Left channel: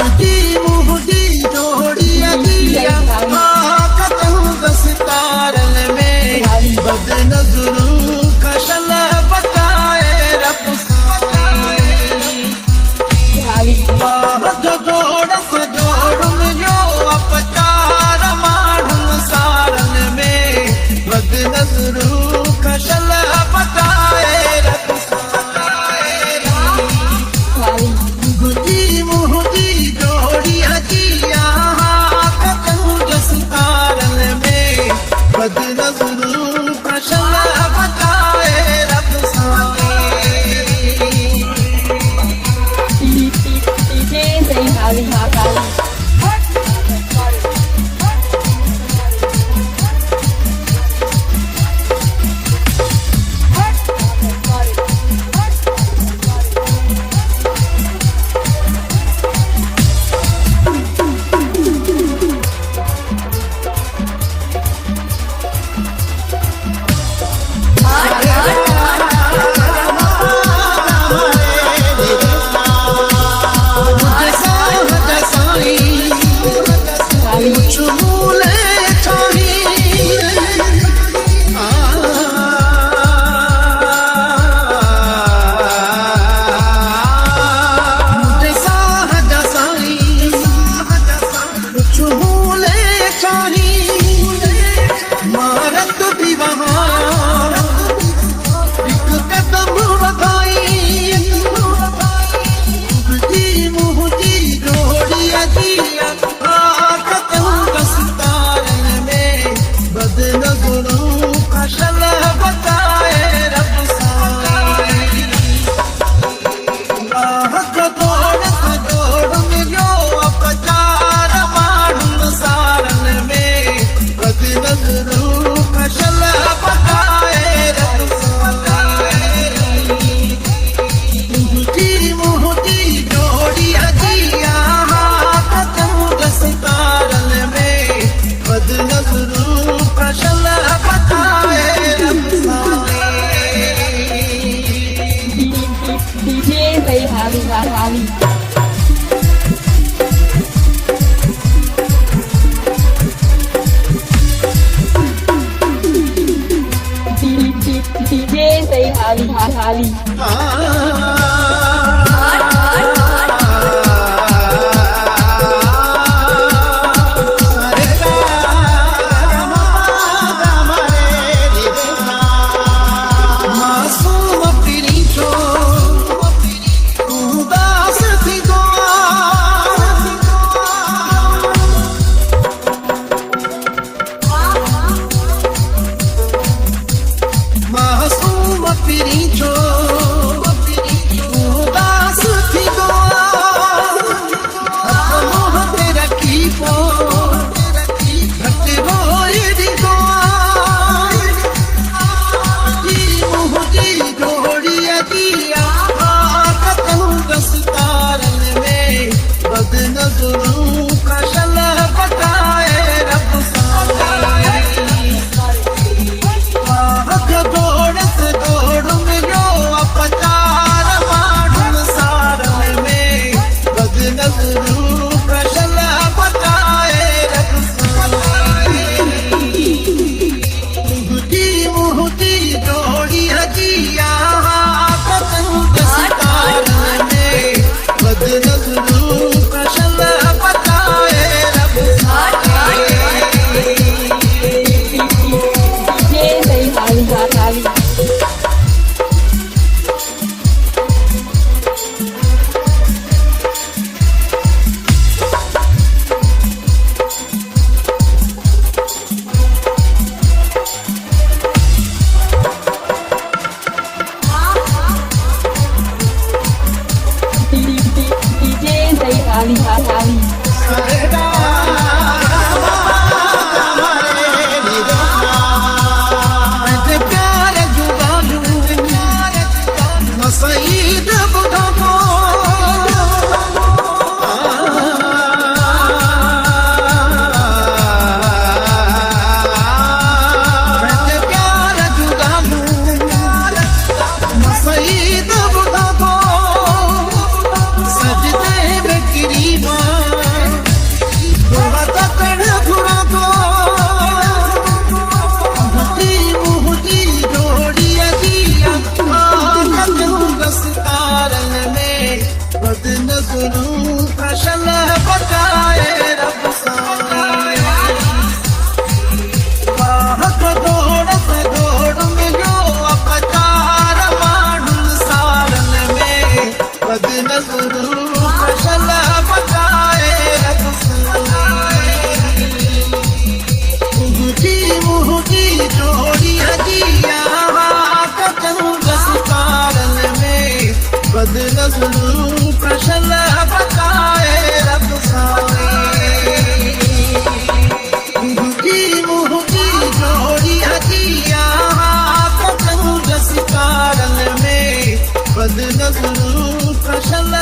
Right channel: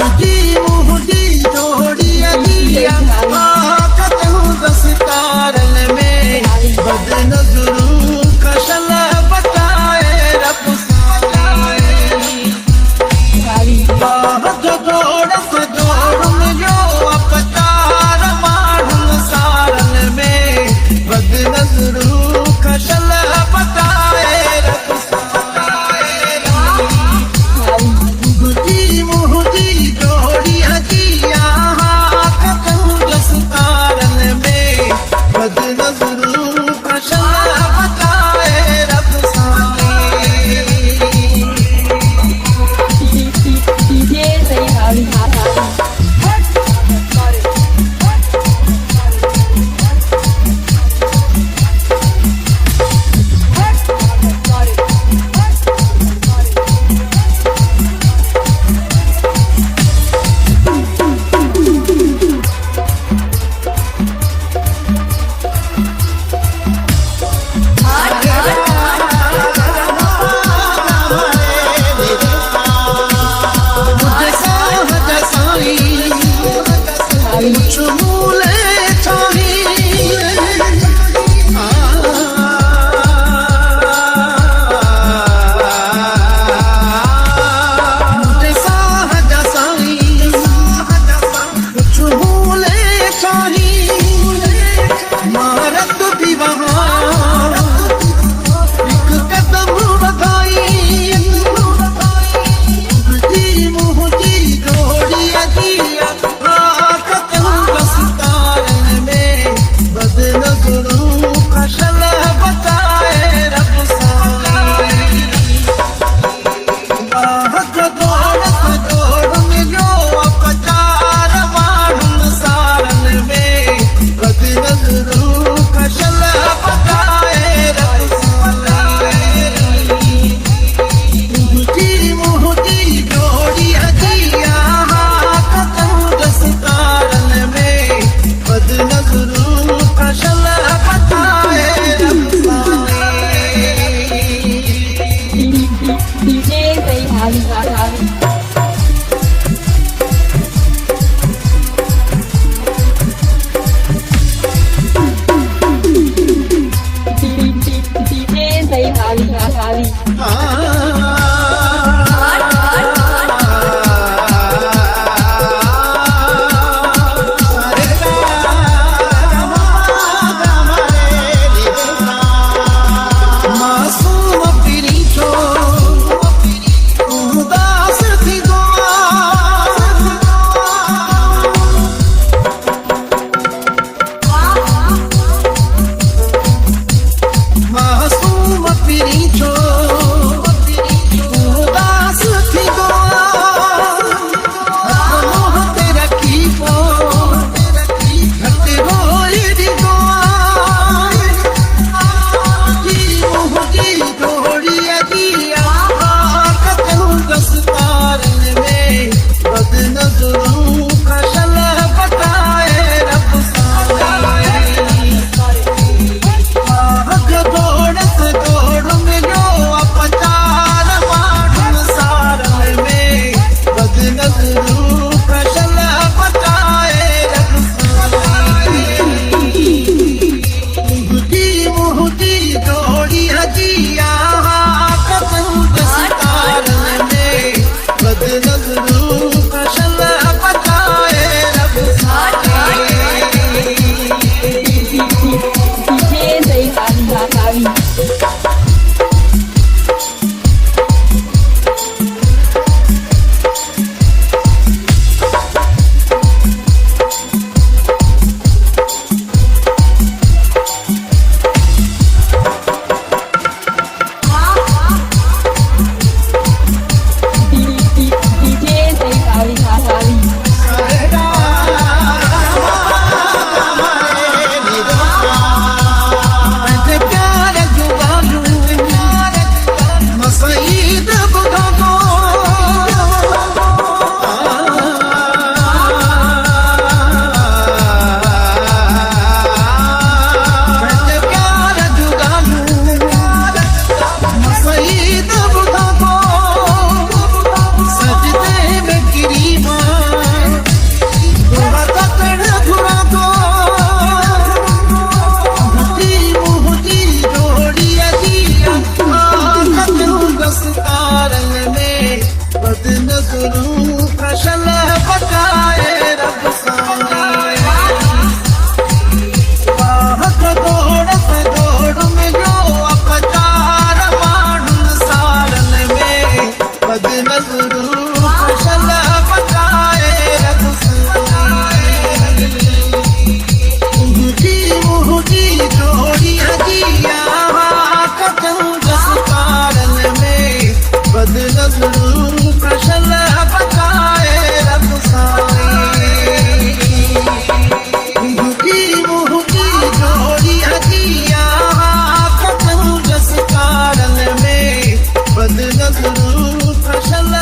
मुंहिंजी जोड़ी अगिया कतहूं दस्तारन में बद नज़रूं कशल बचाए रब जो जोड़ सजोड़ मिलियो अपचार माण्हुनि सारन में बद नज़रूं कशल बचाए रब मुंहिंजी जोड़ी अगिया कतहूं दस्तारन में बद नज़रूं कशल बचाए रब मारत भी वहाँ एक कदम वधाई मुंहिंजी जोड़ी अगिया कतहूं दस्तारन में बद नज़रूं कशल बचाए रब जोड़ सजोड़ मिलियो अपचार माण्हुनि सारन में बद नज़रूं कशल बचाए रब मुंहिंजी जोड़ी अगिया कतहूं दस्तारन में बद नज़रूं कशल बचाए रब मासूम पिरी छो उदास थी मासूम पिरी छो उदास थी मोह ते रखी पो घट रोए दी मुंहिंजी जोड़ी अगिया कतहूं दस्तारन में बद नज़रूं कशल बचाए रब जोड़ सजोड़ मिलियो अपचार माण्हुनि सारन में बद नज़रूं कशल बचाए रब मुंहिंजी जोड़ी अगिया कतहूं दस्तारन में बद नज़रूं कशल बचाए रब सईद बुधा को प्यार जुगालू सईद बुधा को सजदे में गिरी मां दस्तारन में बद नज़रूं फसल बचाए रब साईं बाहक दौड़ मिलियो अपचार माण्हुनि सारन में बद नज़रूं फसल बचाए रब साईं मुंहिंजी जोड़ी हजिया कतऊं दस्तारन में बद नज़रूं फसल बचाए रब साईं मुंहिंजी जोड़ी हजिया कतऊं दस्तारन में बद नज़रूं फसल